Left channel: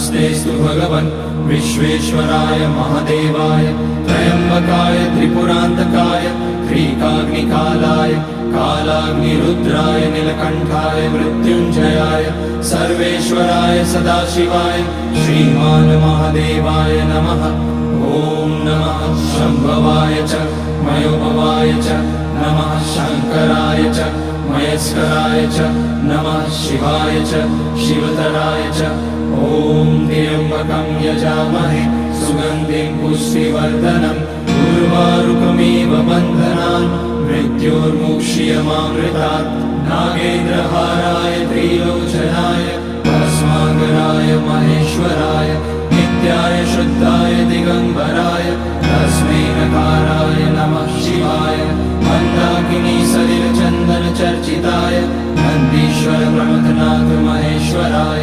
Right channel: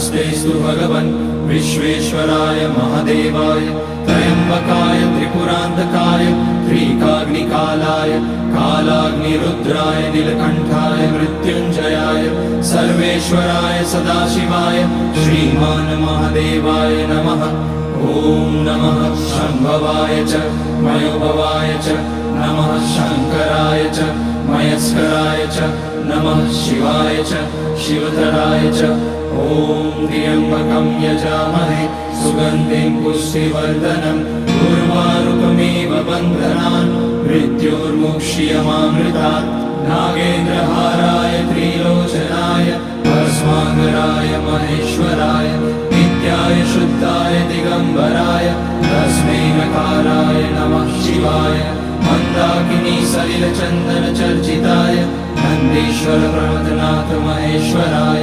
नमस्तेस्तु भगवन् विश्वेश्वराय महादेवाय त्र्यम्बकाय त्रिपुरान्तकाय त्रिकाग्निकालाय कालाग्निरुद्राय नीलकण्ठाय मृत्युञ्जयाय सर्वेश्वराय सदाशिवाय श्रीमान् महादेवाय नमः। ॐ नमः शम्भवाय च मयोभवाय च नमः शङ्कराय च मयस्कराय च नमः शिवाय च शिवतराय च। ॐ त्र्यम्बकं यजामहे सुगन्धिं पुष्टिवर्धनम् उर्वारुकमिव बन्धनान् मृत्योर्मुक्ष्यमामृतात्। नागेन्द्रहाराय त्रिलोचनाय भस्माङ्गराय महेश्वराय नित्याय शुद्धाय दिगम्बराय तस्मै नकाराय नमः शिवाय। मन्दाकिनी सलिलचन्दन चर्चिताय नन्दीश्वर प्रमथनाथ महेश्वराय